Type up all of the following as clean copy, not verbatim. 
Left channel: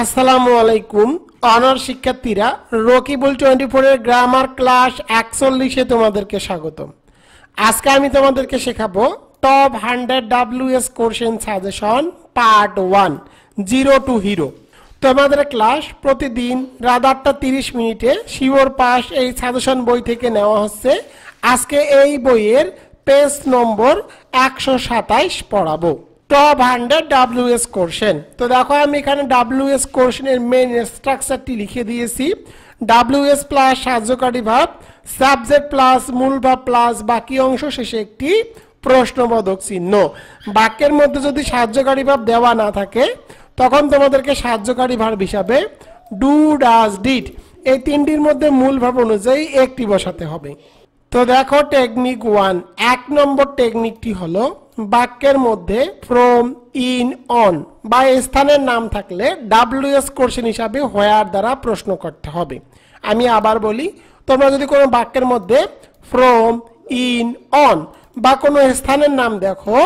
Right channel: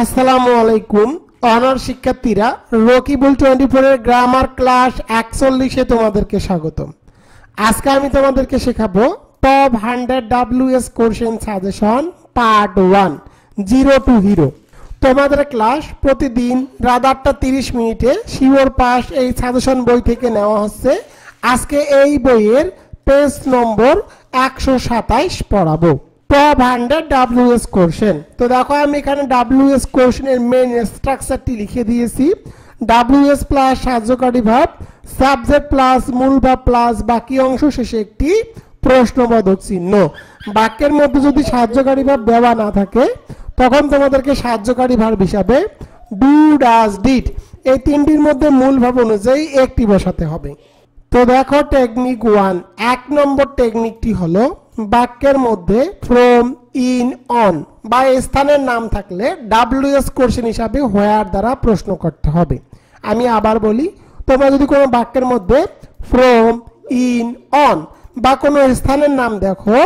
আসসালামু আলাইকুম অনার শিক্ষার্থীরা রকিবুল 24 এর গ্রামার ক্লাস 41 এ তোমাদেরকে স্বাগতম। আজকে আমি তোমাদেরকে শেখাবো top 100 WS question suggestion part 1 0 two hero. তোমাদের ক্লাস প্রতিদিন রাত 8:30 মিনিটে শিওর পাস এই সাজেশন বই থেকে নেওয়া হচ্ছে। আজকে এই বইয়ের পেজ নম্বর 127 পড়াবো। Top 100 WS question. তো দেখো আমি এখানে WS কোশ্চেনের মেইন স্ট্রাকচারটি লিখে দিয়েছি। WS প্লাস সাহায্যকারী ভাব, সাবজেক্ট প্লাস মূল ভাব প্লাস বাকি অংশ শেষে একটি প্রশ্নবোধক চিহ্ন। বাক্যের মধ্যে যদি সাহায্যকারী ভাব দেওয়া না থাকে তখন তোমাদেরকে সাহায্যকারী ভাব হিসাবে ডু, ডাজ, ডিড এই তিনটির মধ্যে মূল ভাব অনুযায়ী একটি বসাতে হবে। তো দেখো টেকনিক 1, 1 নম্বর টেকনিকটি হলো বাক্যের মধ্যে ফ্রম, ইন, অন বা স্থানের নাম থাকলে WS কোশ্চেন হিসাবে হোয়ার দ্বারা প্রশ্ন করতে হবে। আমি আবার বলি, তোমরা যদি কোনো বাক্যের মধ্যে ফ্রম, ইন, অন বা কোনো স্থানের নাম দেখো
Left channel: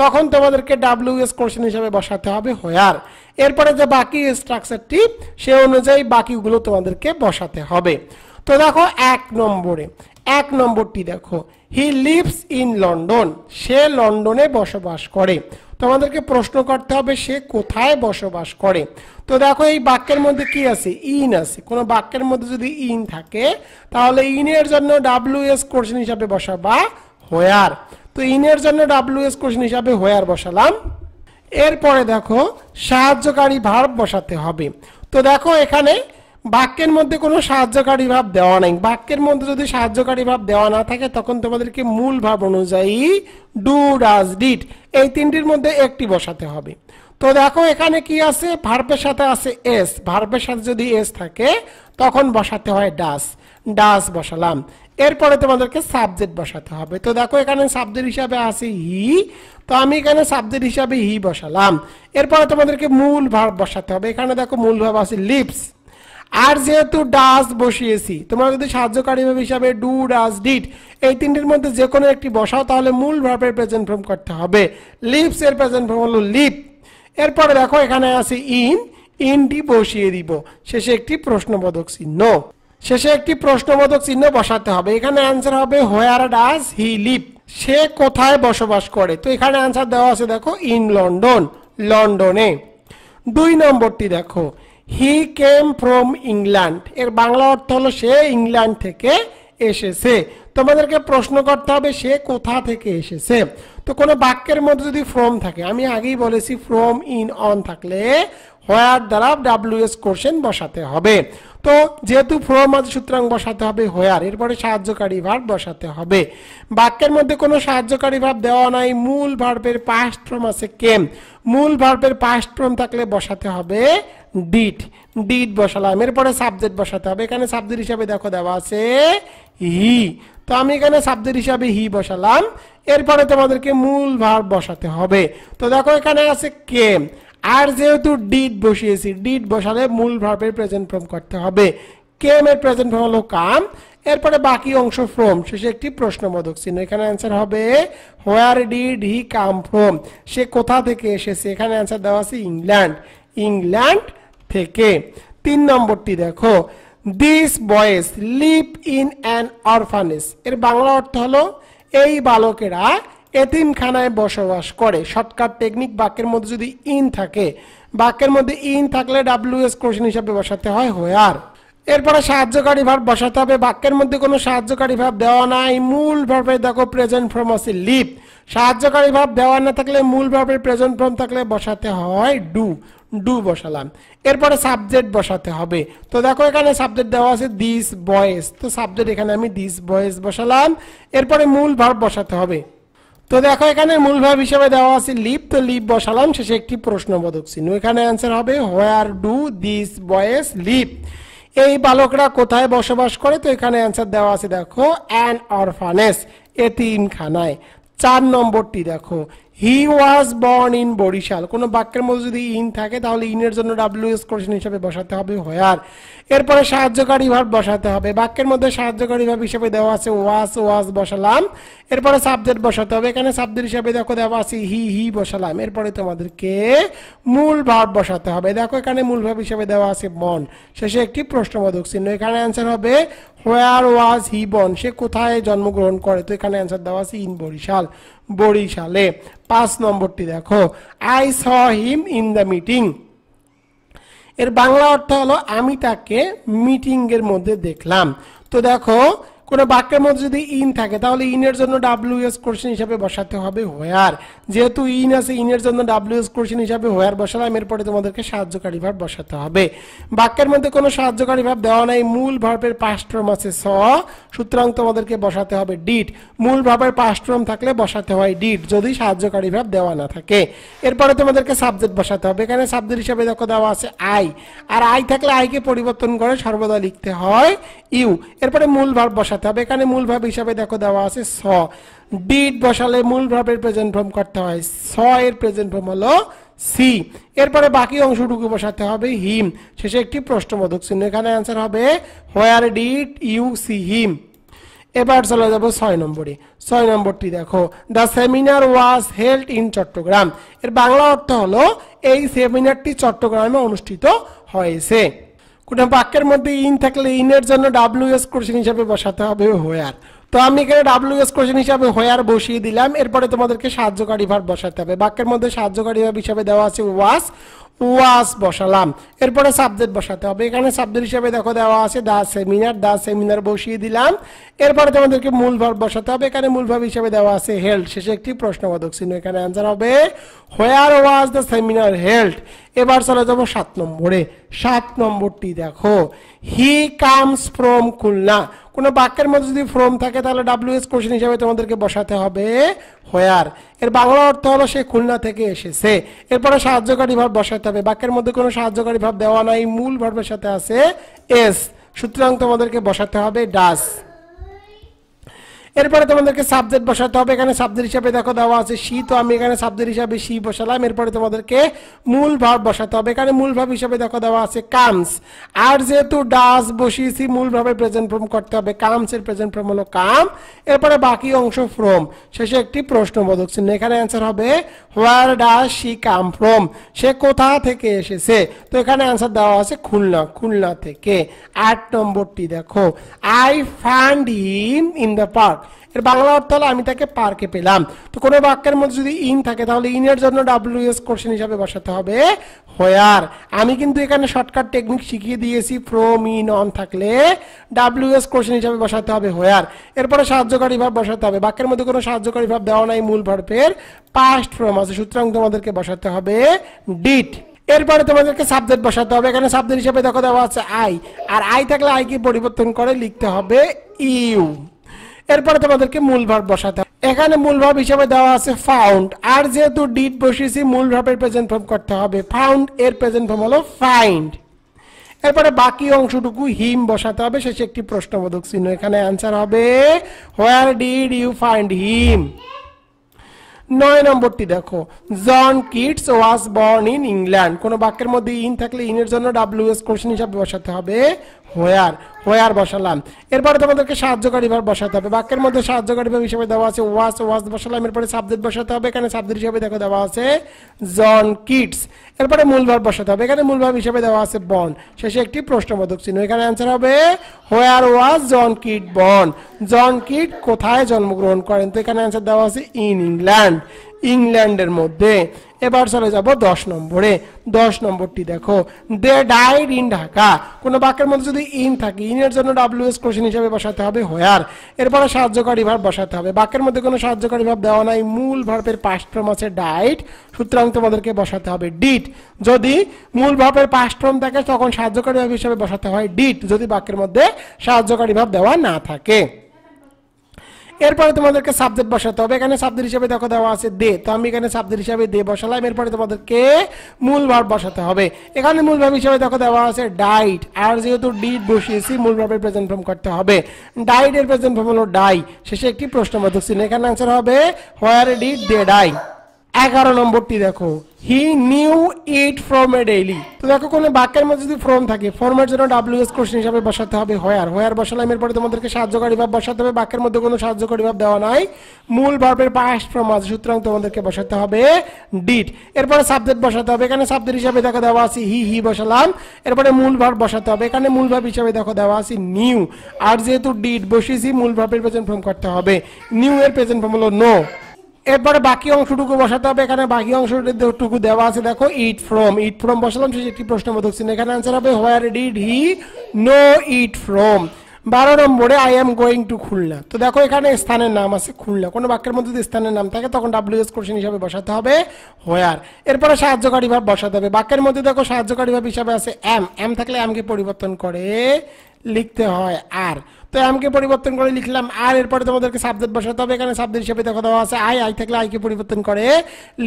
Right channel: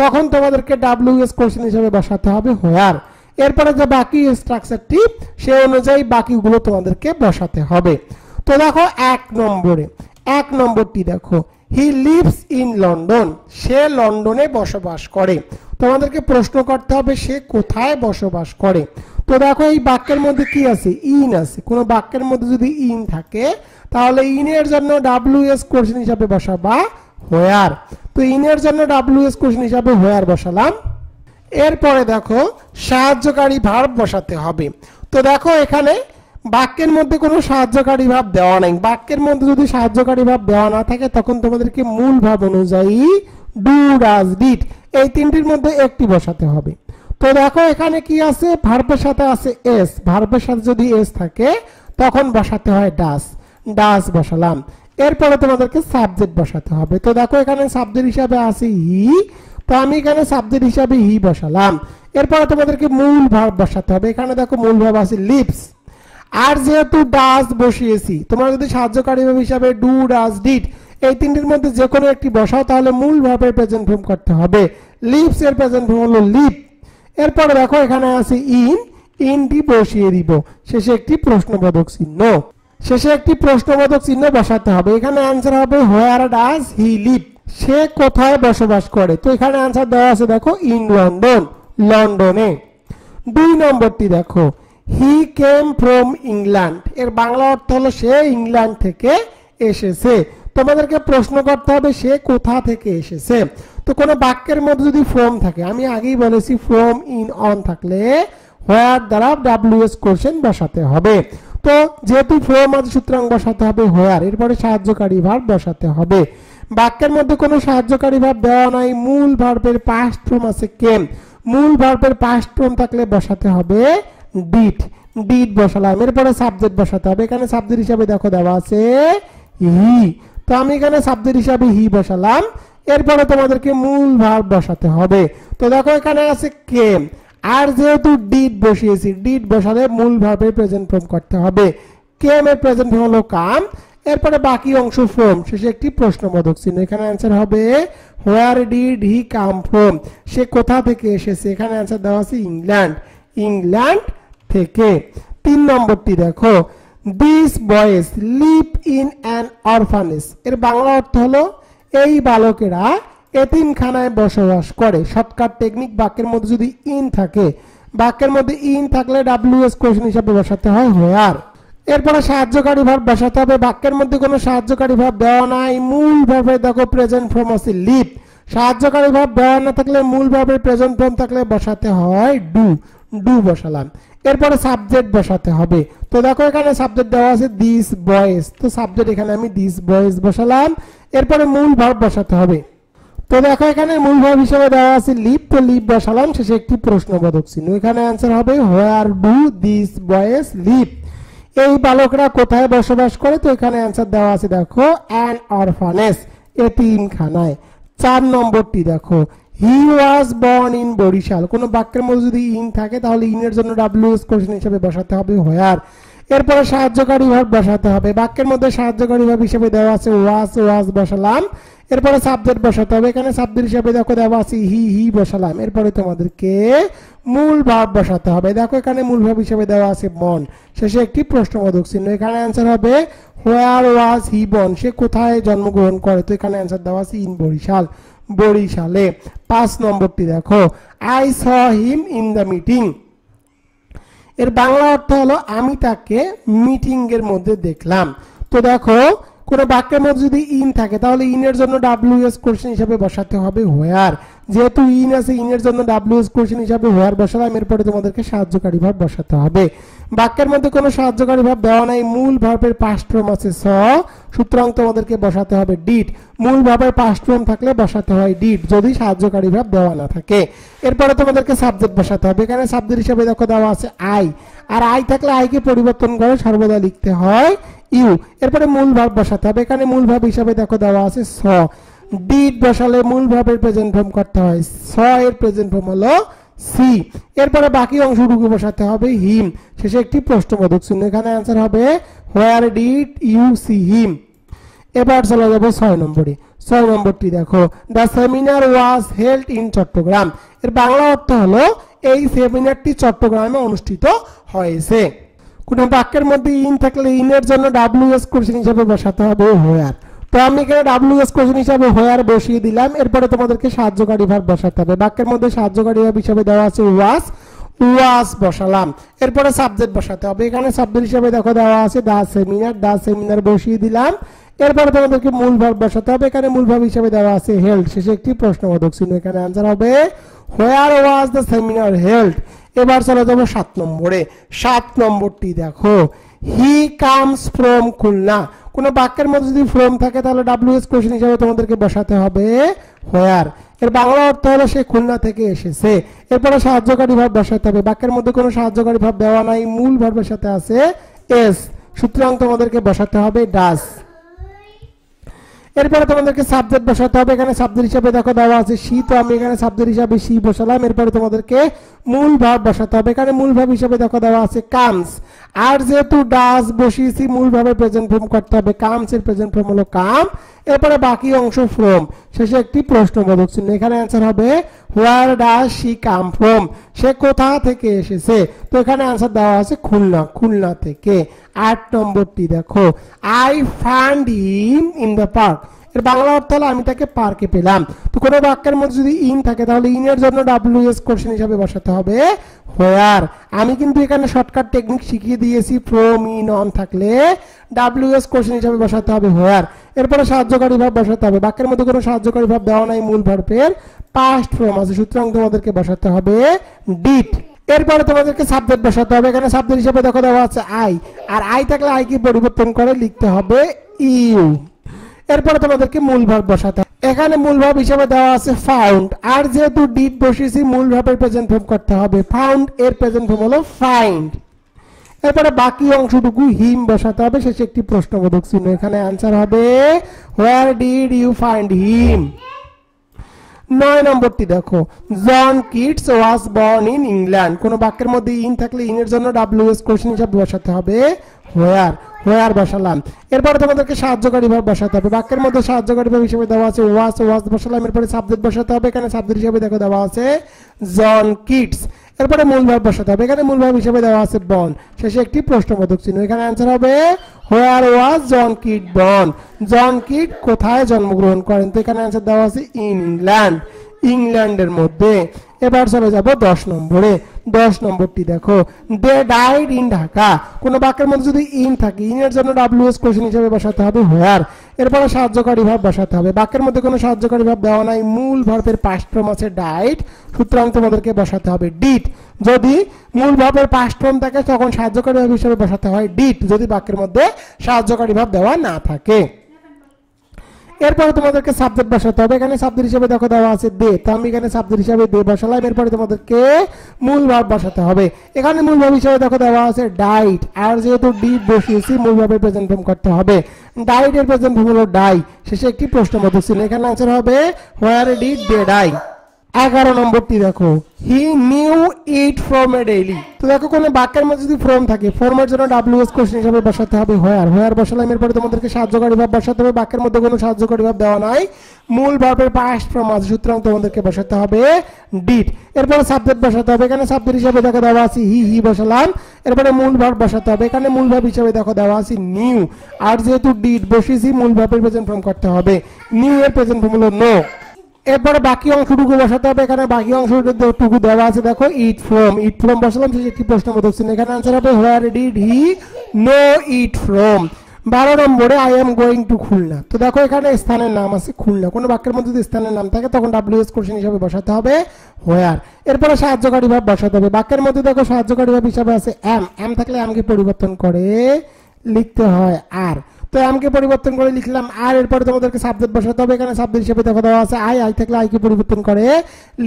তখন তোমাদেরকে WS কোশ্চেন হিসাবে বসাতে হবে হোয়ার। এরপরে যে বাকি স্ট্রাকচারটি সে অনুযায়ী বাকিগুলো তোমাদেরকে বসাতে হবে। তো দেখো 1 নম্বরটি দেখো, হি লিভস ইন লন্ডন, সে লন্ডনে বসবাস করে। তোমাদেরকে প্রশ্ন করতে হবে সে কোথায় বসবাস করে। তো দেখো এই বাক্যের মধ্যে কি আছে, ইন আছে। কোন বাক্যের মধ্যে যদি ইন থাকে তাহলে ইনের জন্য WS কোশ্চেন হিসাবে বসাবা হোয়ার। তো ইনের জন্য WS কোশ্চেন হিসাবে হোয়ার বসালাম। এরপরে দেখো সাহায্যকারী ভার্ব বসাতে হবে। তো দেখো এখানে বাক্যের মধ্যে কোনো সাহায্যকারী ভাব দেওয়া নাই। বাক্যের মধ্যে যদি সাহায্যকারী ভাব দেওয়া না থাকে তখন তোমাদেরকে মূল ভাব অনুযায়ী ডু, ডাজ, ডিড এই তিনটির মধ্যে একটি বসাতে হবে। তো দেখো এখানে কি আছে, ভার্বের সাথে আছে এস। ভার্বের সাথে যদি এস থাকে তখন বসাতে হয় ডাজ, ডাজ বসালাম। এরপরে তোমাদেরকে সাবজেক্ট বসাতে হবে। তো দেখো এখানে সাবজেক্ট হিসাবে আছে হি, তো আমি এখানে সাবজেক্ট হিসাবে হি বসালাম। এরপরে তোমাদেরকে মূল ভার্ব বসাতে হবে। এখানে দেখো মূল ভার্ব আছে লিভস। আর যেহেতু ডাজ বসিয়েছি, তোমরা যদি সাহায্যকারী ভাব হিসাবে ডু, ডাজ, ডিড এই তিনটির মধ্যে যে কোনো একটি বসাও তাহলে মূল ভার্বের প্রেজেন্ট ফর্ম করতে হবে। লিভস এর প্রেজেন্ট ফর্ম হলো লিভ। এরপরে দেখো এখানে আছে ইন, ইনটি বসিয়ে দিব। শেষে একটি প্রশ্নবোধক চিহ্ন বসাতে হবে। এখানে অ্যান্সার হবে হোয়ার ডাজ হি লিভ, সে কোথায় বসবাস করে। তো এখানে অ্যান্সার দেওয়া আছে দেখো ইন লন্ডন, লন্ডনে। 2 নম্বরটি দেখো, হি কেম ফ্রম ইংল্যান্ড, এর বাংলা অর্থ হলো সে ইংল্যান্ড থেকে এসেছে। তোমাদেরকে প্রশ্ন করতে হবে সে কোথা থেকে এসেছে। তো কোনো বাক্যের মধ্যে যদি ফ্রম থাকে, আমি আগেই বলেছি ফ্রম, ইন, অন থাকলে হোয়ার দ্বারা WS কোশ্চেন বসাতে হবে। তো যেহেতু ফ্রম আছে সুতরাং বসাতে হবে হোয়ার। এরপরে সাহায্যকারী ভার্ব বসাতে হবে। বাক্যের মধ্যে কোনো সাহায্যকারী ভার্ব দেওয়া নাই, মূল ভার্বের পাস্ট ফর্ম আছে কেম। মূল ভার্বের পাস্ট ফর্ম থাকলে বসাতে হবে ডিড, ডিড বসালাম। এরপরে সাবজেক্ট বসাতে হবে। এখানে সাবজেক্ট হিসাবে দেখো দেওয়া আছে হি, তো আমি এখানে সাবজেক্ট হিসাবে হি বসালাম। এরপরে তোমাদেরকে মূল ভার্ব বসাতে হবে। তো দেখো এখানে আছে কেম, আর যেহেতু ডিড বসিয়েছি, ডিড বসালে মূল ভার্বের প্রেজেন্ট ফর্ম করতে হবে। কেম এর প্রেজেন্ট ফর্ম হলো কাম। এরপরে বাকি অংশ ফ্রম, শেষে একটি প্রশ্নবোধক চিহ্ন। এখানে অ্যান্সার হবে where did he come from, সে কোথা থেকে এসেছে। এখানে অ্যান্সার দেওয়া আছে ইংল্যান্ড, ইংল্যান্ড থেকে। 3 নম্বরটি দেখো, this boys live in an orphanage, এর বাংলা অর্থ হলো এই বালকেরা এতিমখানায় বসবাস করে। শর্টকাট টেকনিক, বাক্যের মধ্যে যদি ইন থাকে, বাক্যের মধ্যে ইন থাকলে WS কোশ্চেন হিসাবে বসাতে হয় হোয়ার। এরপরে সাহায্যকারী ভার্ব বসাতে হবে। বাক্যের মধ্যে কোনো সাহায্যকারী ভার্ব দেওয়া নাই, মূল ভার্বের দেখো প্রেজেন্ট ফর্ম আছে লিভ। সাহায্যকারী ভার্ব দেওয়া না থাকলে মূল ভার্বের প্রেজেন্ট ফর্ম থাকলে বসাতে হয় ডু, ডু বসালাম। এরপরে সাবজেক্ট বসাতে হবে। তো দেখো এখানে সাবজেক্ট দেওয়া আছে দিস বয়েজ, তো সাবজেক্ট এখানে আমি দিস বয়েজ বসালাম। এরপরে মূল ভার্ব বসাতে হবে। তো দেখো এখানে মূল ভার্ব হিসেবে দেওয়া আছে লিভ, তো লিভ বসালাম। শেষে একটি প্রশ্নবোধক চিহ্ন। এখানে অ্যান্সার হবে where do this boys live, এই বালকরা কোথায় বসবাস করে। তো এখানে অ্যান্সার দেওয়া আছে দেখো অ্যান অরফানেজ, এতিমখানায়। 4 নম্বরটি দেখো, হি ওয়াজ বর্ন ইন বরিশাল। কোন বাক্যের মধ্যে যদি ইন থাকে তাহলে ইনের জন্য WS কোশ্চেন হিসেবে বসাতে হবে হোয়ার। এরপরে সাহায্যকারী ভার্ব বসাতে হবে। বাক্যের মধ্যে সাহায্যকারী ভার্ব হিসেবে দেওয়া আছে ওয়াজ, ওয়াজ বসালাম। এরপরে সাবজেক্ট বসাতে হবে। এখানে সাবজেক্ট হিসাবে দেখো দেওয়া আছে হি বসালাম। এরপরে তোমাদেরকে মূল ভার্ব বসাতে হবে। দেখো এখানে মূল ভার্ব হিসাবে দেওয়া আছে বর্ন, শেষে একটি প্রশ্নবোধক চিহ্ন। এখানে অ্যান্সার হবে হোয়ার ওয়াজ হি বর্ন, সে কোথায় জন্মগ্রহণ করে। তো এখানে অ্যান্সার দেওয়া আছে ইন বরিশাল, বরিশালে। 5 নম্বরটি দেখো I saw him in the meeting. এর বাংলা অর্থ হলো আমি তাকে মিটিং এর মধ্যে দেখলাম। তো দেখো কোন বাক্যের মধ্যে যদি ইন থাকে তাহলে ইনের জন্য ডাব্লিউএস কোশ্চেন হিসাবে বসাতে হবে হোয়ার। যেহেতু ইন আছে, ইনের জন্য ডাব্লিউএস কোশ্চেন হিসাবে হোয়ার বসালাম। এরপরে তোমাদেরকে সাহায্যকারী ভার্ব বসাতে হবে। বাক্যের মধ্যে কোনো সাহায্যকারী ভার্ব দেওয়া নাই, মূল ভার্বের পাস্ট ফর্ম আছে স, সুতরাং তোমাদেরকে বসাতে হবে ডিড। মূল ভার্বের পাস্ট ফর্ম থাকলে বসাতে হয় ডিড যদি সাহায্যকারী ভার্ব দেওয়া না থাকে। এরপরে তোমাদেরকে সাবজেক্ট বসাতে হবে। এখানে সাবজেক্ট হিসাবে দেখো দেওয়া আছে আই, আর আই থাকলে আইকে পরিবর্তন করে সর্বদা লিখতে হয় ইউ। এরপরে মূল ভার্ব বসাতে হবে। এখানে মূল ভার্ব হিসাবে দেখো দেওয়া আছে স, ডিড বসালে মূল ভার্বের প্রেজেন্ট ফর্ম করতে হয়, স এর প্রেজেন্ট ফর্ম হলো সি। এরপরে বাকি অংশটুকু বসাতে হবে হিম, শেষে একটি প্রশ্নবোধক চিহ্ন। এখানে অ্যান্সার হবে where did you see him. এবার চলে যাব 6 নম্বরে। 6 নম্বরটি দেখো the seminar was held in Chattogram. এর বাংলা অর্থ হলো এই সেমিনারটি চট্টগ্রামে অনুষ্ঠিত হয়েছে। কোন বাক্যের মধ্যে ইন থাকলে ইনের জন্য ডাব্লিউএস কোশ্চেন হিসাবে বসাতে হবে হোয়ার। তো আমি এখানে ডাব্লিউএস কোশ্চেন হিসাবে হোয়ার বসিয়ে দিলাম। এরপরে তোমাদেরকে সাহায্যকারী ভার্ব বসাতে হবে। বাক্যের মধ্যে সাহায্যকারী ভার্ব হিসাবে দেওয়া আছে ওয়াজ, ওয়াজ বসালাম। এরপরে সাবজেক্ট বসাতে হবে। এখানে সাবজেক্ট হিসাবে দেখো দেওয়া আছে দা সেমিনার, দা সেমিনার বসিয়ে দিলাম। এরপরে তোমাদেরকে মূল ভার্ব বসাতে হবে। এখানে মূল ভার্ব হিসাবে দেওয়া আছে হেল্ড, শেষে একটি প্রশ্নবোধক চিহ্ন। এখানে অ্যান্সার হবে হোয়ার ওয়াজ দ্য সেমিনার হেল্ড। এবার চলে যাবো 7 নম্বরে। 7 নম্বরটি দেখো হি কামস ফ্রম খুলনা। কোন বাক্যের মধ্যে যদি ফ্রম থাকে তাহলে ডাব্লিউএস কোশ্চেন হিসাবে তোমাদেরকে বসাতে হবে হোয়ার। এর বাংলা অর্থ হলো সে খুলনা থেকে এসেছে। এরপরে সাহায্যকারী ভার্ব বসাতে হবে। বাক্যের মধ্যে কোনো সাহায্যকারী ভার্ব দেওয়া নাই, মূল ভার্বের সাথে আছে এস, সুতরাং তোমাদেরকে বসাতে হবে ডাস। এরপরে তোমাদেরকে সাবজেক্ট বসাতে হবে। এখানে সাবজেক্ট হিসাবে দেখো দেওয়া আছে সি, তো আমি এখানে সাবজেক্ট হিসাবে সি বসালাম। এরপরে তোমাদেরকে মূল ভার্ব বসাতে হবে। এখানে মূল ভার্ব হিসাবে দেখো দেওয়া আছে কামস, আর যেহেতু ডাস বসিয়েছি মূল ভার্বের প্রেজেন্ট ফর্ম করতে হবে, কামস এর প্রেজেন্ট ফর্ম হলো কাম। এরপরে বাকি অংশ ফ্রম, শেষে একটি প্রশ্নবোধক চিহ্ন। এখানে অ্যান্সার হবে হোয়ার ডাস শি কাম ফ্রম, সে কোথা থেকে এসেছে। তো এখানে অ্যান্সার দেওয়া আছে খুলনা, খুলনা থেকে। 8 নম্বরটি দেখো I fund him in the park. এর বাংলা অর্থ হলো আমি তাকে পার্কে পেলাম। তো কোনো বাক্যের মধ্যে যদি ইন থাকে তাহলে ইনের জন্য ডাব্লিউএস কোশ্চেন হিসাবে বসাতে হবে হোয়ার। আমি কিন্তু এখানে শর্টকাট টেকনিক শিখিয়ে দিয়েছি, ফ্রম ইন অন থাকলে ডাব্লিউএস কোশ্চেন হিসাবে বসাতে হবে হোয়ার। এরপরে সাহায্যকারী ভার্ব বসাতে হবে। বাক্যের মধ্যে কোনো সাহায্যকারী ভার্ব দেওয়া নাই, মূল ভার্বের পাস্ট ফর্ম আছে, সুতরাং তোমাদেরকে বসাতে হবে ডিড। এরপরে তোমাদেরকে সাবজেক্ট বসাতে হবে। এখানে সাবজেক্ট হিসেবে দেখো দেওয়া আছে আই, আর আই থাকলে আই কি পরিবর্তন করে লিখতে হবে ইউ। এরপরে তোমাদেরকে মূল ভার্ব বসাতে হবে। এখানে মূল ভার্ব হিসেবে দেওয়া আছে ফাউন্ড, আর যেহেতু ডিড বসিয়েছি মূল ভার্বের প্রেজেন্ট ফর্ম করতে হবে, ফাউন্ড এর প্রেজেন্ট ফর্ম হলো ফাইন্ড। এরপরে বাকি অংশটুকু হিম বসাতে হবে, শেষে একটি প্রশ্নবোধক চিহ্ন। এখানে অ্যান্সার হবে where did you find him. 9 নম্বরটি দেখো John Keats was born in England. কোন বাক্যের মধ্যে ইন থাকলে ইনের জন্য ডাব্লিউএস কোশ্চেন হিসাবে বসাতে হবে হোয়ার, হোয়ার বসালাম। এরপরে তোমাদেরকে সাহায্যকারী ভার্ব বসাতে হবে। বাক্যের মধ্যে সাহায্যকারী ভার্ব হিসেবে দেওয়া আছে ওয়াজ, ওয়াজ বসালাম। এরপরে সাবজেক্ট বসাতে হবে। এখানে সাবজেক্ট হিসেবে দেখো দেওয়া আছে জন কিটস। এরপরে মূল ভার্ব বসাতে হবে। এখানে মূল ভার্ব হিসেবে দেওয়া আছে বর্ন, শেষে একটি প্রশ্নবোধক চিহ্ন। এখানে অ্যান্সার হবে হোয়ার ওয়াজ জন কিট বর্ন। জন কিট কোথায় জন্মগ্রহণ করেন। তো এখানে অ্যান্সার দেওয়া আছে ইন ইংল্যান্ড, ইংল্যান্ডের মধ্যে। এবার চলে যাব 10 নম্বরে। 10 নম্বরটি দেখো দে ডাইড ইন ঢাকা। কোন বাক্যের মধ্যে যদি ইন থাকে ইনের জন্য ডাব্লিউএস কোশ্চেন হিসেবে বসাতে হবে হোয়ার। এরপরে সাহায্যকারী ভার্ব বসাতে হবে। বাক্যের মধ্যে কোনো সাহায্যকারী ভার্ব দেওয়া নাই, মূল ভার্বের পাস্ট ফর্ম আছে ডাইড, সুতরাং তোমাদেরকে বসাতে হবে ডিড। যদি মূল ভার্বের পাস্ট ফর্ম থাকে তখন সাহায্যকারী ভার্ব হিসেবে বসাতে হয় ডিড, যদি বাক্যের মধ্যে সাহায্যকারী ভার্ব দেওয়া না থাকে। এরপরে তোমাদেরকে সাবজেক্ট বসাতে হবে। এখানে সাবজেক্ট হিসেবে দেখো দেওয়া আছে দে, তো আমি এখানে সাবজেক্ট হিসেবে দে বসালাম। এরপরে তোমাদেরকে মূল ভার্ব বসাতে হবে। এখানে মূল ভার্ব হিসেবে দেখো দেওয়া আছে ডাইড, আর যেহেতু ডিড বসিয়েছি মূল ভার্বের প্রেজেন্ট ফর্ম করতে হবে। ডাইড এর প্রেজেন্ট ফর্ম হলো ডাই, শেষে একটি প্রশ্নবোধক চিহ্ন। এখানে অ্যান্সার হবে হোয়ার ডিড দে ডাই। 11 নম্বরটি দেখো, he knew it from a daily. তো দেখো কোনো বাক্যের মধ্যে যদি ফ্রম থাকে, ফর্মের জন্য WS কোশ্চেন হিসাবে বসাতে হবে হোয়ার। হোয়ার বসালাম, এরপরে তোমাদেরকে সাহায্যকারী ভাব বসাতে হবে। বাক্যের মধ্যে কোনো সাহায্যকারী ভাব দেওয়া নাই, মূল ভার্বের পাস্ট ফর্ম আছে, সুতরাং তোমাদেরকে বসাতে হবে ডিড। এরপরে সাবজেক্ট বসাতে হবে, এখানে সাবজেক্ট হিসাবে দেখো দেওয়া আছে হি বসালাম। এরপরে মূল ভার্ব বসাতে হবে, এখানে মূল ভার্ব হিসাবে দেখো দেওয়া আছে নিউ। আর যেহেতু ডিড বসিয়েছি, মূল ভার্বের প্রেজেন্ট ফর্ম করতে হবে। নিউ এর প্রেজেন্ট ফর্ম হলো নো। এরপরে বাকি অংশটুকু বসাতে হবে, এখানে বাকি অংশটুকু দেওয়া আছে দেখো ইট ফ্রম। ইট ফ্রম বসালাম, শেষে একটি প্রশ্নবোধক চিহ্ন। এখানে आंसर হবে where did he know it from. 12 নম্বরে I am going to Khulna. তো দেখো এখানে স্থানের নাম আছে খুলনা। কোনো বাক্যের মধ্যে যদি স্থানের নাম থাকে তখন WS কোশ্চেন হিসাবে বসাতে হবে হোয়ার। এরপরে সাহায্যকারী ভাব বসাতে হবে। বাক্যের মধ্যে দেখো সাহায্যকারী ভাব হিসাবে আছে এম থাকলে এম কে পরিবর্তন করে লিখতে হয় আর। তো এম কে পরিবর্তন করে লিখলাম আর। এরপরে তোমাদেরকে সাবজেক্ট বসাতে হবে, এখানে সাবজেক্ট হিসেবে দেখো দেওয়া আছে আই থাকলে আই কে পরিবর্তন করে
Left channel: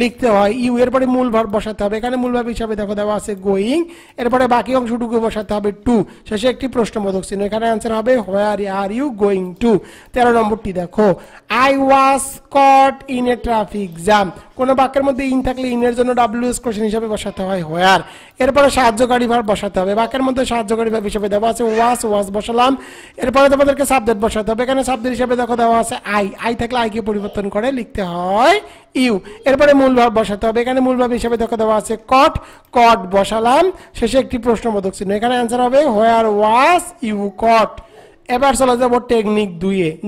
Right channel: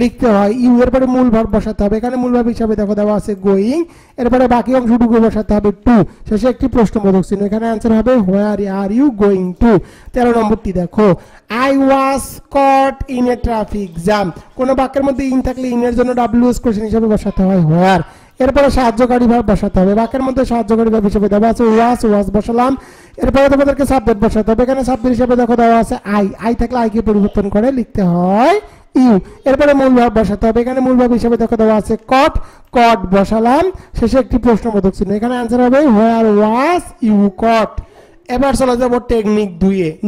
লিখতে হয় ইউ। এরপরে মূল ভার্ব বসাতে হবে, এখানে মূল ভার্ব হিসেবে দেখো দেওয়া আছে গোয়িং। এরপরে বাকি অংশটুকু বসাতে হবে টু, শেষে একটি প্রশ্নবোধক চিহ্ন। এখানে आंसर হবে where are you going to. 13 নম্বরটি দেখো, I was caught in a traffic jam. কোনো বাক্যের মধ্যে ইন থাকলে ইনের জন্য WS কোশ্চেন হিসেবে বসাতে হয় হোয়ার। এরপরে সাহায্যকারী ভাব বসাতে হবে, বাক্যের মধ্যে সাহায্যকারী ভাব হিসেবে দেওয়া আছে ওয়াজ বসালাম। এরপরে তোমাদেরকে সাবজেক্ট বসাতে হবে, এখানে সাবজেক্ট হিসেবে দেখো দেওয়া আছে আই থাকলে আই কে পরিবর্তন করে লিখতে হয় ইউ। এরপরে মূল ভাব বসাতে হবে, এখানে মূল ভাব হিসেবে দেখো দেওয়া আছে কট বসালাম, শেষে একটি প্রশ্নবোধক চিহ্ন। এখানে आंसर হবে হোয়ার ওয়াজ ইউ কট। এবার চলে যাব টেকনিক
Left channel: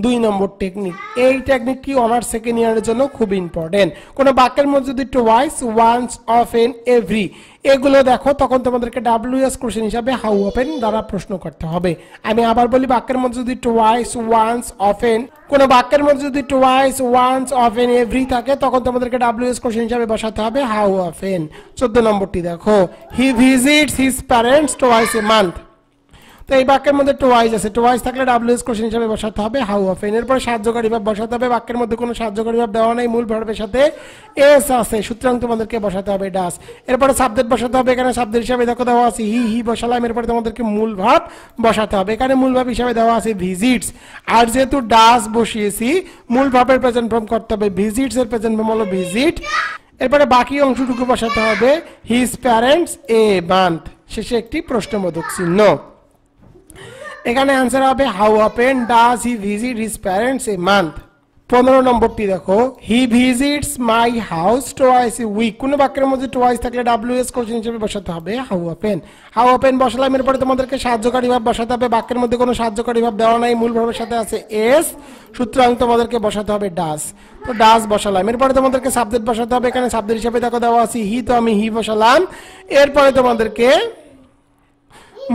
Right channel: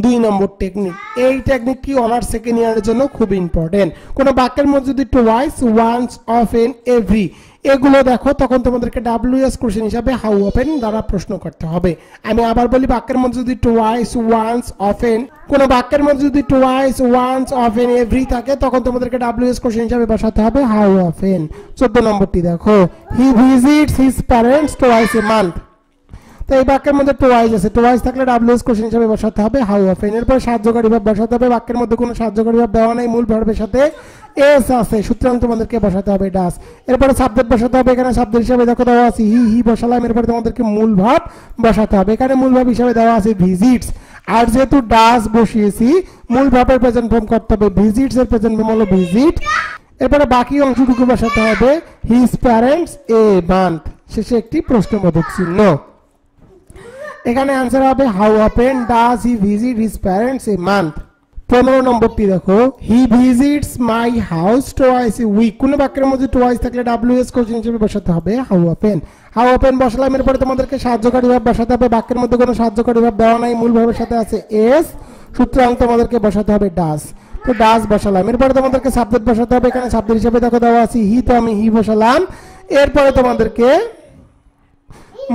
2 নম্বর টেকনিক। এই টেকনিকটি অনার্স সেকেন্ড ইয়ারের জন্য খুব ইম্পর্টেন্ট। কোন বাক্যের মধ্যে যদি টুয়াইস, ওয়ান্স, অফেন, এভরি এগুলো দেখো তখন তোমাদেরকে WS কোশ্চেন হিসাবে হাউ অফেন দ্বারা প্রশ্ন করতে হবে। আমি আবার বলি, বাক্যের মধ্যে যদি টুয়াইস, ওয়ান্স, অফেন, কোন বাক্যের মধ্যে যদি টুয়াইস, ওয়ান্স, অফেন, এভরি থাকে তখন তোমাদেরকে WS কোশ্চেন হিসাবে বসাতে হবে হাউ অফেন। 14 নম্বরটি দেখো, he visits his parents twice a month. তো এই বাক্যের মধ্যে টুয়াইস আছে, টুয়াইস থাকলে WS কোশ্চেন হিসেবে বসাতে হবে হাউ অফেন। এরপর সাহায্যকারী ভাব বসাতে হবে, বাক্যের মধ্যে কোনো সাহায্যকারী ভাব দেওয়া নাই, মূল ভার্বের সাথে এস আছে, সুতরাং তোমাদেরকে বসাতে হবে ডাস। এরপরে সাবজেক্ট বসাতে হবে, এখানে সাবজেক্ট হিসেবে দেখো দেওয়া আছে হি বসালাম। এরপরে তোমাদেরকে মূল ভাব বসাতে হবে, এখানে মূল ভাব হিসেবে দেওয়া আছে ভিজিটস। আর যেহেতু ডাস বসিয়েছি, মূল ভাবের প্রেজেন্ট ফর্ম করতে হবে, ভিজিটস এর প্রেজেন্ট ফর্ম হলো ভিজিট। এরপরে বাকি অংশটুকু বসাতে হবে হিজ প্যারেন্টস এ মান্থ, শেষে একটি প্রশ্নবোধক চিহ্ন। এখানে आंसर হবে how often does he visit his parents a month. 15 নম্বরটি দেখো, he visits my house twice a week. কোন বাক্যের মধ্যে টুয়াইস থাকলে WS কোশ্চেন হিসেবে বসাতে হবে হাউ অফেন। হাউ অফেন বসালাম, এরপরে তোমাদেরকে সাহায্যকারী ভাব বসাতে হবে, বাক্যের মধ্যে কোনো সাহায্যকারী ভাব দেওয়া নাই, মূল ভাবের সাথে আছে এস, সুতরাং তোমাদেরকে বসাতে হবে ডাজ। তো ডাজ বসালাম, এরপরে তোমাদেরকে সাবজেক্ট বসাতে হবে, এখানে সাবজেক্ট হিসেবে দেখো দেওয়া আছে হি, তো আমি হি বসালাম। এরপরে তোমাদেরকে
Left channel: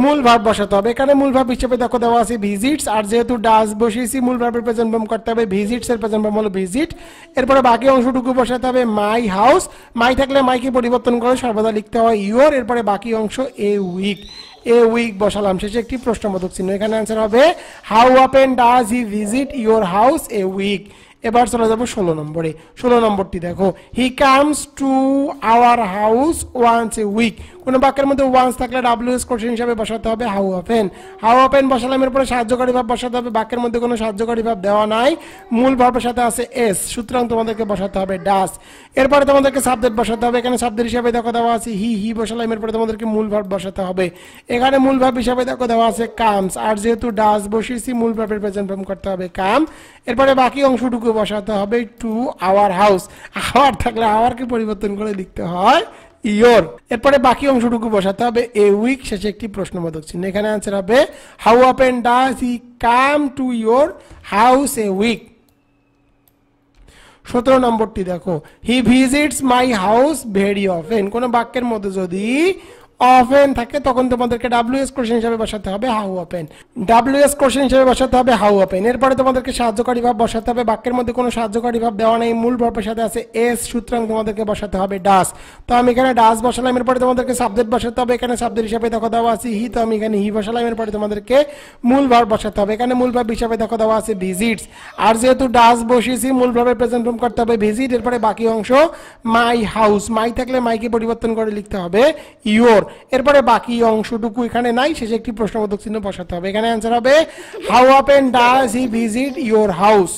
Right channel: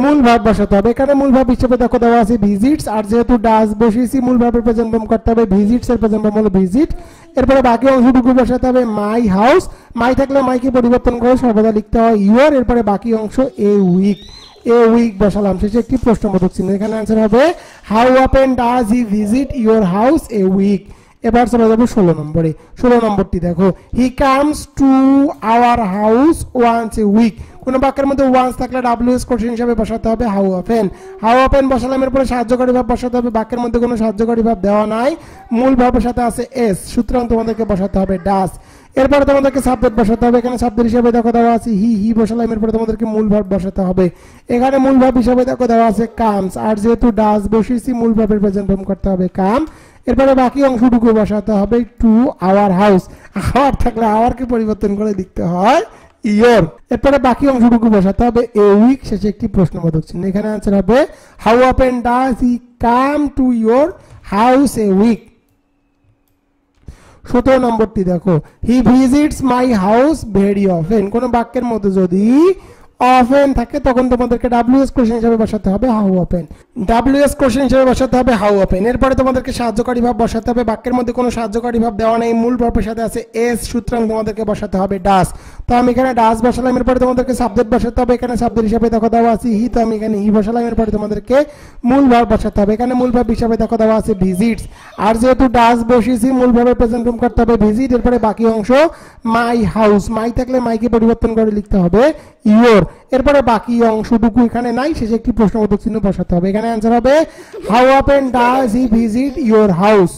মূল ভাব বসাতে হবে, এখানে মূল ভাব হিসেবে দেখো দেওয়া আছে ভিজিটস। আর যেহেতু ডাস বসিয়েছি, মূল ভাবের প্রেজেন্ট ফর্ম করতে হবে, ভিজিটস এর প্রেজেন্ট ফর্ম হলো ভিজিট। এরপরে বাকি অংশটুকু বসাতে হবে মাই হাউস। মাই থাকলে মাইকে পরিবর্তন করে সর্বদা লিখতে হয় ইউর। এরপরে বাকি অংশ এ উইক বসালাম, শেষে একটি প্রশ্নবোধক চিহ্ন। এখানে आंसर হবে how often does he visit your house a week. এবার চলে যাবো 16 নম্বরে। 16 নম্বরটি দেখো, he comes to our house once a week. কোন বাক্যের মধ্যে ওয়ান্স থাকলে WS কোশ্চেন হিসাবে বসাতে হবে হাউ অফেন। হাউ অফেন বসালাম, এরপরে সাহায্যকারী ভাব বসাতে হবে, বাক্যের মধ্যে কোনো সাহায্যকারী ভাব দেওয়া নাই, মূল ভাবের সাথে আছে এস, সুতরাং তোমাদেরকে বসাতে হবে ডাস। এরপরে তোমাদেরকে সাবজেক্ট বসাতে হবে, এখানে সাবজেক্ট হিসেবে দেখো দেওয়া আছে হি বসালাম। এরপরে তোমাদেরকে মূল ভাব বসাতে হবে, এখানে মূল ভাব হিসেবে দেখো দেওয়া আছে কামস। আর যেহেতু ডাস বসিয়েছি, মূল ভাবের প্রেজেন্ট ফর্ম করতে হবে কাম। এরপরে বাকি অংশটুকু বসাতে হবে টু আওয়ার হাউস। আওয়ার থাকলে আওয়ারকে পরিবর্তন করে লিখতে হয় ইয়োর। এরপরে বাকি অংশটুকু বসাতে হবে এ উইক, শেষে একটি প্রশ্নবোধক চিহ্ন। এখানে आंसर হবে how often does he come to your house a week. 17 নম্বরটি দেখো, he visits my house very often. কোন বাক্যের মধ্যে যদি অফেন থাকে তখন তোমাদেরকে WS কোশ্চেন হিসেবে বসাতে হবে হাউ অফেন। WS কোশ্চেন হিসেবে বসাতে হবে হাউ অফেন। এরপরে তোমাদেরকে সাহায্যকারী ভাব বসাতে হবে, বাক্যের মধ্যে কোনো সাহায্যকারী ভাব দেওয়া নেই, মূল ভাবের সাথে আছে এস, সুতরাং তোমাদেরকে বসাতে হবে ডাস। তো আমি এখানে ডাস বসালাম, এরপরে তোমাদেরকে সাবজেক্ট বসাতে হবে, এখানে সাবজেক্ট হিসেবে দেখো দেওয়া আছে হি, তো আমি এখানে হি বসালাম। এরপরে তোমাদেরকে মূল ভার্ব বসাতে হবে, এখানে মূল ভার্ব হিসেবে দেখো দেওয়া আছে ভিজিটস। আর যেহেতু ডাস বসিয়েছি, মূল ভাবের প্রেজেন্ট ফর্ম করতে হবে ভিজিট। এরপরে বাকি অংশ মাই হাউস। মাই থাকলে মাইকে পরিবর্তন করে লিখতে হবে ইয়োর। এরপরে বাকি অংশটুকু এখানে নাই, শেষে একটি প্রশ্নবোধক চিহ্ন বসাতে হবে। এখানে आंसर হবে how often does he visit your house.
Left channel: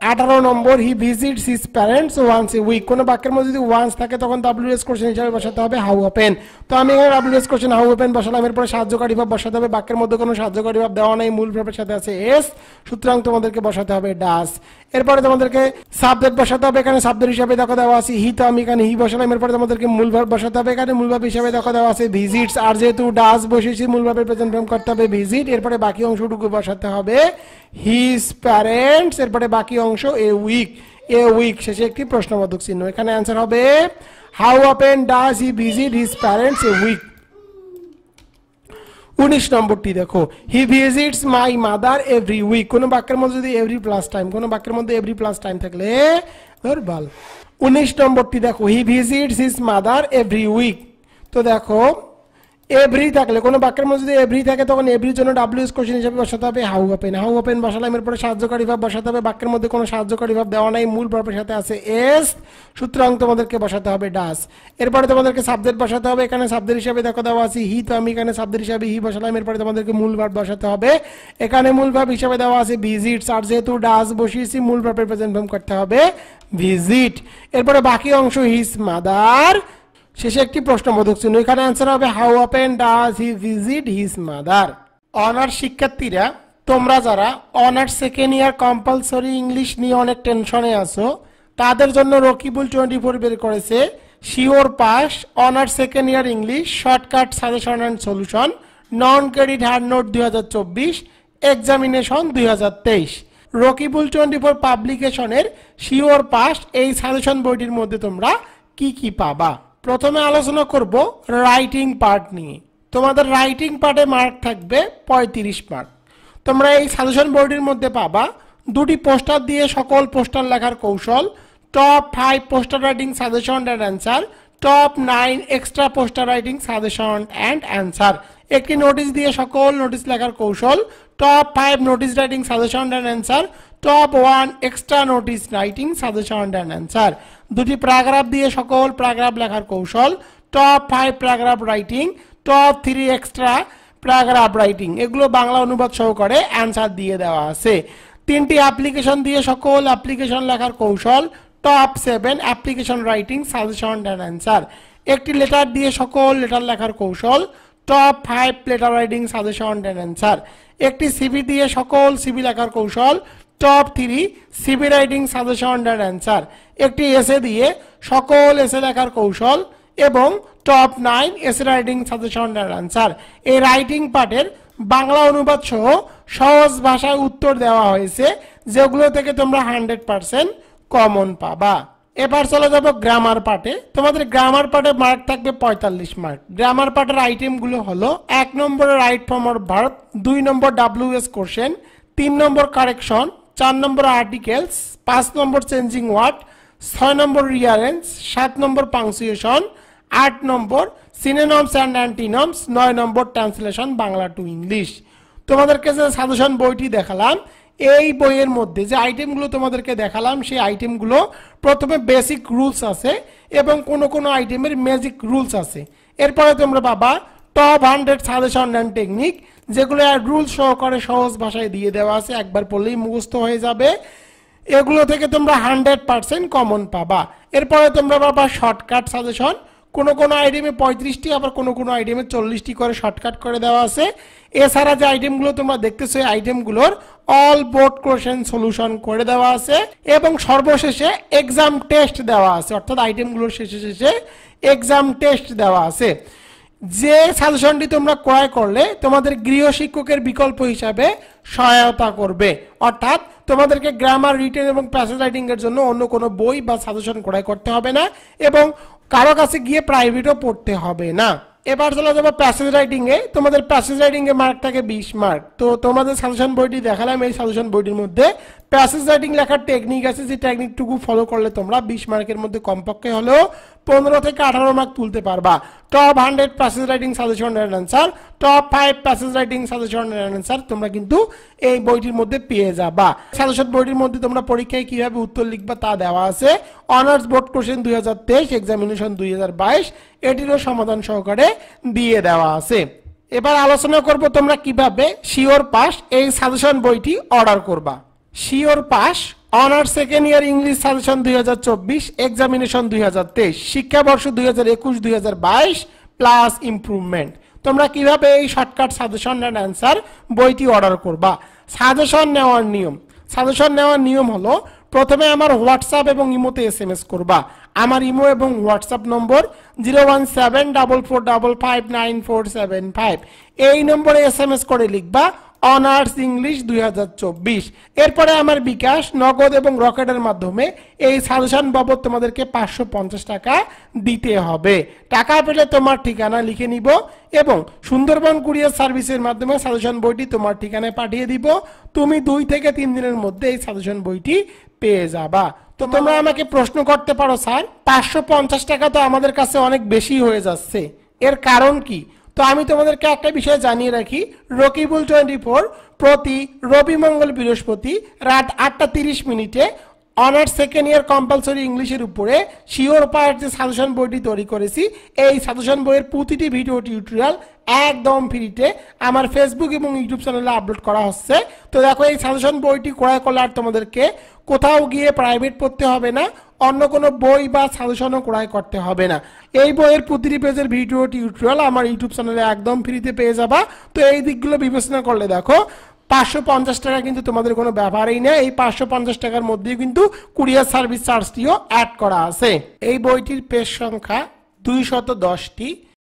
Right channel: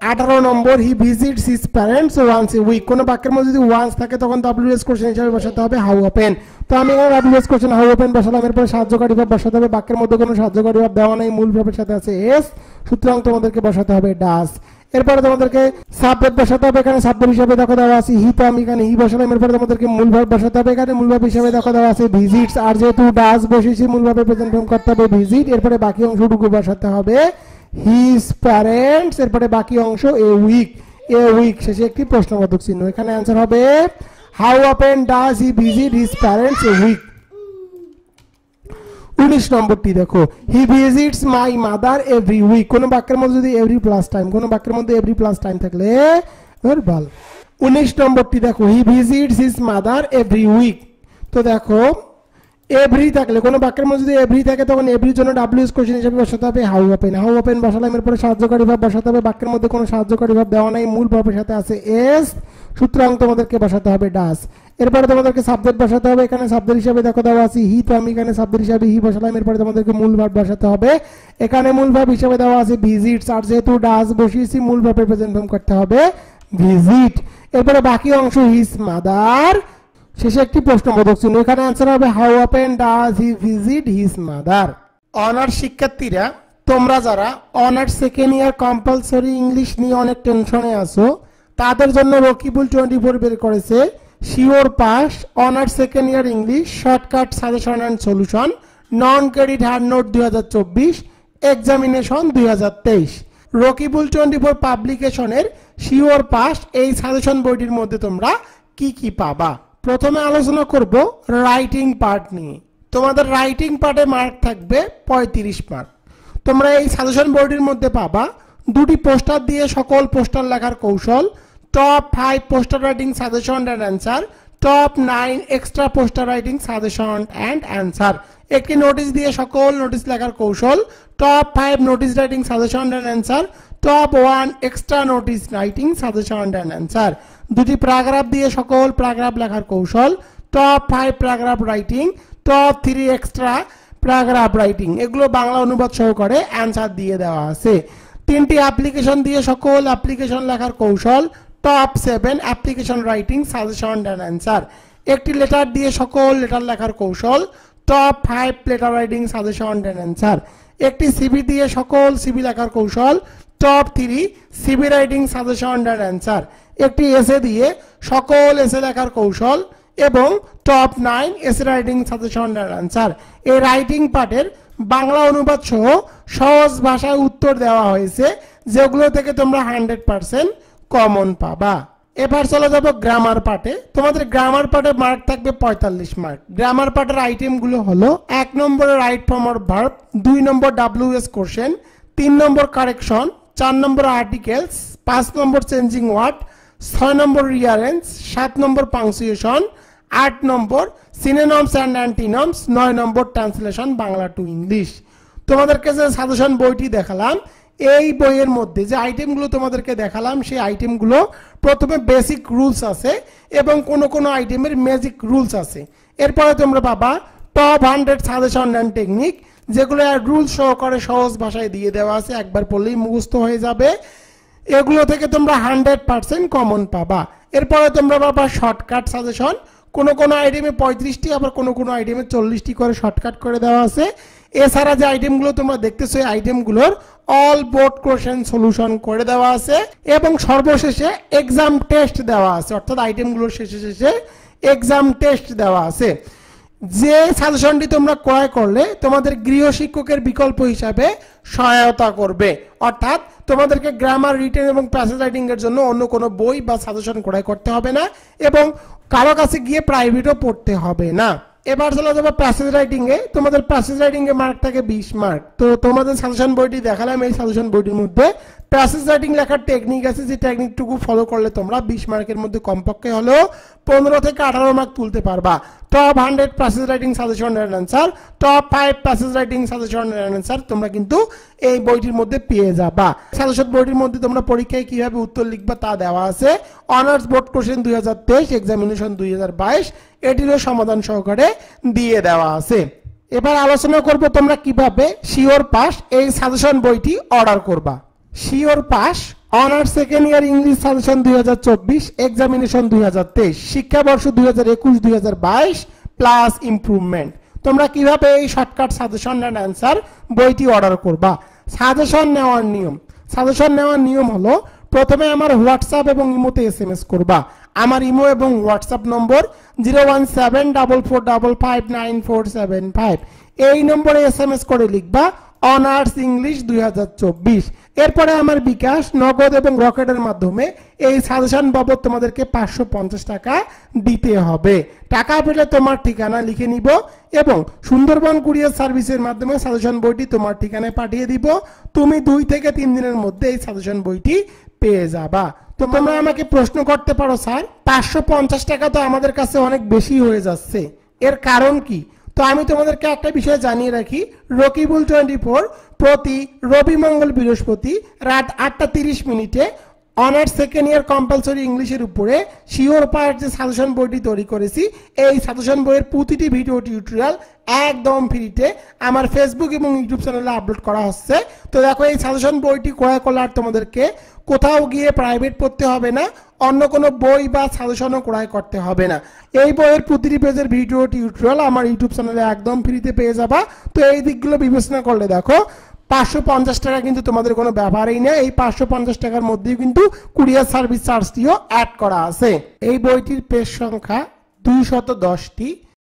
18 নম্বর, he visits his parents once a week. কোন বাক্যের মধ্যে যদি ওয়ান্স থাকে তখন WS কোশ্চেন হিসেবে বসাতে হবে হাউ অফেন। তো আমি এখানে WS কোশ্চেন হাউ অফেন বসালাম, এরপরে সাহায্যকারী ভাব বসাতে হবে। বাক্যের মধ্যে কোনো সাহায্যকারী ভাব দেওয়া নাই, মূল ভাবের সাথে আছে এস, সুতরাং তোমাদেরকে বসাতে হবে ডাস। এরপরে তোমাদেরকে সাবজেক্ট বসাতে হবে, এখানে সাবজেক্ট হিসেবে দেখো দেওয়া আছে হি, তো আমি এখানে হি বসালাম। এরপরে তোমাদেরকে মূল ভাব বসাতে হবে, এখানে মূল ভাব হিসেবে দেখো দেওয়া আছে ভিজিটস, আর যেহেতু ডাস বসেছি মূল ভাবে প্রেজেন্ট ফর্ম করতে হবে ভিজিট। এরপরে বাকি অংশটুকু বসাতে হবে হিজ প্যারেন্টস, এরপরে বাকি অংশ এ উইক, এ উইক শেষে একটি প্রশ্নবোধক চিহ্ন। এখানে অ্যান্সার হবে how often does he visit his parents a week. 19 নম্বরটি দেখো, he visits my mother every week. কোন বাক্যের মধ্যে যদি এভরি প্লাস টাইম, কোন বাক্যের মধ্যে এভরি প্লাস টাইম থাকলে ভার্বাল। 19 নম্বরটি দেখো, he visits his mother every week. তো দেখো এভরি থাকলে, কোন বাক্যের মধ্যে যদি এভরি থাকে তখন এভরির জন্য WS কোশ্চেন হিসেবে বসাতে হবে হাউ অফেন। হাউ অফেন বসালাম, এরপরে সাহায্যকারী ভাব বসাতে হবে। বাক্যের মধ্যে কোনো সাহায্যকারী ভাব দেওয়া নাই, মূল ভাবের সাথে আছে এস, সুতরাং তোমাদেরকে বসাতে হবে ডাস। এরপরে তোমাদেরকে সাবজেক্ট বসাতে হবে, এখানে সাবজেক্ট হিসেবে দেখো দেওয়া আছে হি, তো আমি এখানে সাবজেক্ট হিসেবে হি বসালাম। এরপরে তোমাদেরকে মূল ভাব বসাতে হবে, এখানে মূল ভাব হিসেবে দেওয়া আছে ভিজিটস, আর যেহেতু ডাস বসিয়েছি মূল ভাবের প্রেজেন্ট ফর্ম করতে হবে ভিজিট। এরপরে বাকি অংশ হিজ মাদার, শেষে একটি প্রশ্নবোধক চিহ্ন। এখানে অ্যান্সার হবে how often does he visit his mother. Honours শিক্ষার্থীরা, তোমরা যারা honours second year compulsory English নিয়ে অনেক টেনশনে আছো, তাদের জন্য রকিবুল 24 বের করেছে sure pass honours second year English shortcut suggestion and solution non credit hard note 2024 examination 2023। Rakibul 24 পাবলিকেশনের শিওর পাস এই সাজেশন বইটির মধ্যে তোমরা কি কি পাবা। প্রথমে আলোচনা করব রাইটিং পার্ট নিয়ে। তোমাদের রাইটিং পার্টে মার্ক থাকবে 35 মার্ক। তোমরা এই সাজেশন বইটির মধ্যে পাবা দুটি পোস্টার দিয়ে সকল পোস্টার লেখার কৌশল, top 5 poster writing suggestion and answer, top 9 extra poster writing suggestion and answer, একটি নোটিশ দিয়ে সকল নোটিশ লেখার কৌশল, top 5 notice writing suggestion and answer, top 1 extra notice writing suggestion and answer, দুটি প্যারাগ্রাফ দিয়ে সকল প্যারাগ্রাফ লেখার কৌশল, top 5 paragraph writing, top 3 extra paragraph writing, এগুলো বাংলা অনুবাদ সহকারে অ্যান্সার দিয়ে দেওয়া আছে। তিনটি অ্যাপ্লিকেশন দিয়ে সকল অ্যাপ্লিকেশন লেখার কৌশল, top 7 application writing suggestion and answer, একটি লেটার দিয়ে সকল লেটার লেখার কৌশল, top 5 letter writing suggestion and answer, একটি সিভি দিয়ে সকল সিভি লেখার কৌশল, top 3 CV writing suggestion and answer, একটি এসে দিয়ে সকল এসে লেখার কৌশল এবং top 9 essay writing suggestion and answer. এই রাইটিং পার্টের বাংলা অনুবাদ সহ সহজ ভাষায় উত্তর দেওয়া হয়েছে, যেগুলো থেকে তোমরা 100% কমন পাবা। এবার চলে যাব গ্রামার পার্টে। তোমাদের গ্রামার পার্টে মার্ক থাকবে 45 মার্ক। গ্রামার পার্টের আইটেমগুলো হলো 1 number right form or verb, 2 number WS question, 3 number correction, 4 number articles, 5 number changing word, 6 number rearrange, 7 number punctuation, 8 number synonyms and antonyms, 9 number translation Bangla to English. তোমাদেরকে যে suggestion বইটি দেখালাম, এই বইয়ের মধ্যে যে আইটেমগুলো তোমাদেরকে দেখালাম, সেই আইটেমগুলো প্রথমে বেসিক রুলস আছে এবং কোনো আইটেমের ম্যাজিক রুলস আছে। এরপরে তোমরা পাবা টপ 100 সাজেশন অ্যান্ড টেকনিক, যেগুলো রুলস সহকারে সহজ ভাষায় দিয়ে দেওয়া আছে, একবার পড়লেই মুখস্থ হয়ে যাবে। এগুলো থেকে তোমরা 100% কমন পাবা। এরপরে তোমরা পাবা শর্টকাট সাজেশন, কোনো আইটেমে 35টি, আবার কোনো আইটেমে 40টি করে শর্টকাট করে দেওয়া আছে। এছাড়া যে আইটেমগুলো তোমরা দেখতেছো, এই আইটেমগুলোর অল বোর্ড কোশ্চেন সলিউশন করে দেওয়া আছে এবং সর্বশেষে এক্সাম টেস্ট দেওয়া আছে, অর্থাৎ আইটেমগুলোর শেষে এক্সাম টেস্ট দেওয়া আছে। যে সাজেশনটি তোমরা ক্রয় করলে তোমাদের গৃহ শিক্ষকের বিকল্প হিসাবে সহায়তা করবে, অর্থাৎ তোমাদেরকে গ্রামার, রিটেন এবং প্যাসেজ রাইটিং এর জন্য অন্য কোনো বই বা সাজেশন ক্রয় করতে হবে না এবং কারো কাছে গিয়ে প্রাইভেটও পড়তে হবে না। এবার চলে যাবো প্যাসেজ রাইটিং এ। তোমাদের প্যাসেজ রাইটিং এ মার্ক থাকে 20 মার্ক। তো তোমাদের সাজেশন বইটি দেখালাম, এই সাজেশন বইটির মধ্যে প্যাসেজ রাইটিং লেখার টেকনিক আছে, যে টেকনিকটুকু ফলো করলে তোমরা 20 মার্কের মধ্যে কমপক্ষে হলেও 15 থেকে 18 মার্ক তুলতে পারবা। Top 100 passage writing suggestion and answer, top 5 passage writing suggestion and answer তোমরা কিন্তু এই বইটির মধ্যে পেয়ে যাবা। সাজেশন বইটির মধ্যে তোমরা পরীক্ষায় কিভাবে উত্তর লিখবা তা দেওয়া আছে। অনার্স বোর্ড কোশ্চেন 2023, এক্সামিনেশন 2022, এটিরও সমাধান সহকারে দিয়ে দেওয়া আছে। এবার আলোচনা করব তোমরা কিভাবে শিওর পাস এই সাজেশন বইটি অর্ডার করবা। Sure pass honours second year English suggestion 2024, examination 2023, শিক্ষাবর্ষ 2021-2022 প্লাস ইমপ্রুভমেন্ট। তোমরা কিভাবে এই শর্টকাট সাজেশন অ্যান্ড অ্যান্সার বইটি অর্ডার করবা। সাজেশন নেওয়ার নিয়ম হলো, প্রথমে আমার হোয়াটসঅ্যাপ এবং ইমোতে SMS করবা। আমার ইমো এবং হোয়াটসঅ্যাপ নম্বর 01744559475। এই নম্বরে SMS করে লিখবা অনার্স ইংলিশ 2024। এরপরে আমার বিকাশ, নগদ এবং রকেটের মাধ্যমে এই সাজেশন বাবদ তোমাদেরকে 550 টাকা দিতে হবে। টাকা পেলে তোমার ঠিকানা লিখে নিব এবং সুন্দরবন কুরিয়ার সার্ভিসের মাধ্যমে সাজেশন বইটি তোমার ঠিকানায় পাঠিয়ে দিব। তুমি 2 থেকে 3 দিনের মধ্যে এই সাজেশন বইটি পেয়ে যাবা। তো তোমরা আমাকে প্রশ্ন করতে পারো, স্যার 550 টাকা তো আমাদের কাছে অনেক বেশি হয়ে যাচ্ছে, এর কারণ কি? তো আমি তোমাদেরকে একটা বিষয় জানিয়ে রাখি, রকিবুল 24 প্রতি রবি, মঙ্গল, বৃহস্পতি রাত 8:30 অনার্স সেকেন্ড ইয়ার কম্পালসরি ইংলিশের উপরে শিওর পার্ট যে সাজেশন বইটি তৈরি করেছি, এই সাজেশন বইয়ের প্রতিটি ভিডিও টিউটোরিয়াল একদম ফ্রিতে আমার ফেসবুক এবং ইউটিউব চ্যানেলে আপলোড করা হচ্ছে। তো দেখো, এই সাজেশন বইটি ক্রয় করলে আর তোমাদেরকে কোথাও গিয়ে প্রাইভেট পড়তে হবে না, অন্য কোনো বই বা সাজেশনও ক্রয় করতে হবে না। এই বইয়ের প্রতিটি পেজের ভিডিও টিউটোরিয়াল আমার ইউটিউব চ্যানেলে একদম ফ্রিতে পেয়ে যাবা। তো এই দিকগুলো বিবেচনা করলে দেখো 550 টাকা কিন্তু তোমাদের কোনো ব্যাপারই না। এই 550 টাকার মধ্যেই কিন্তু কুরিয়ার সার্ভিস চার্জটিও অ্যাড করা আছে। এই বইটির পেজ সংখ্যা 210টি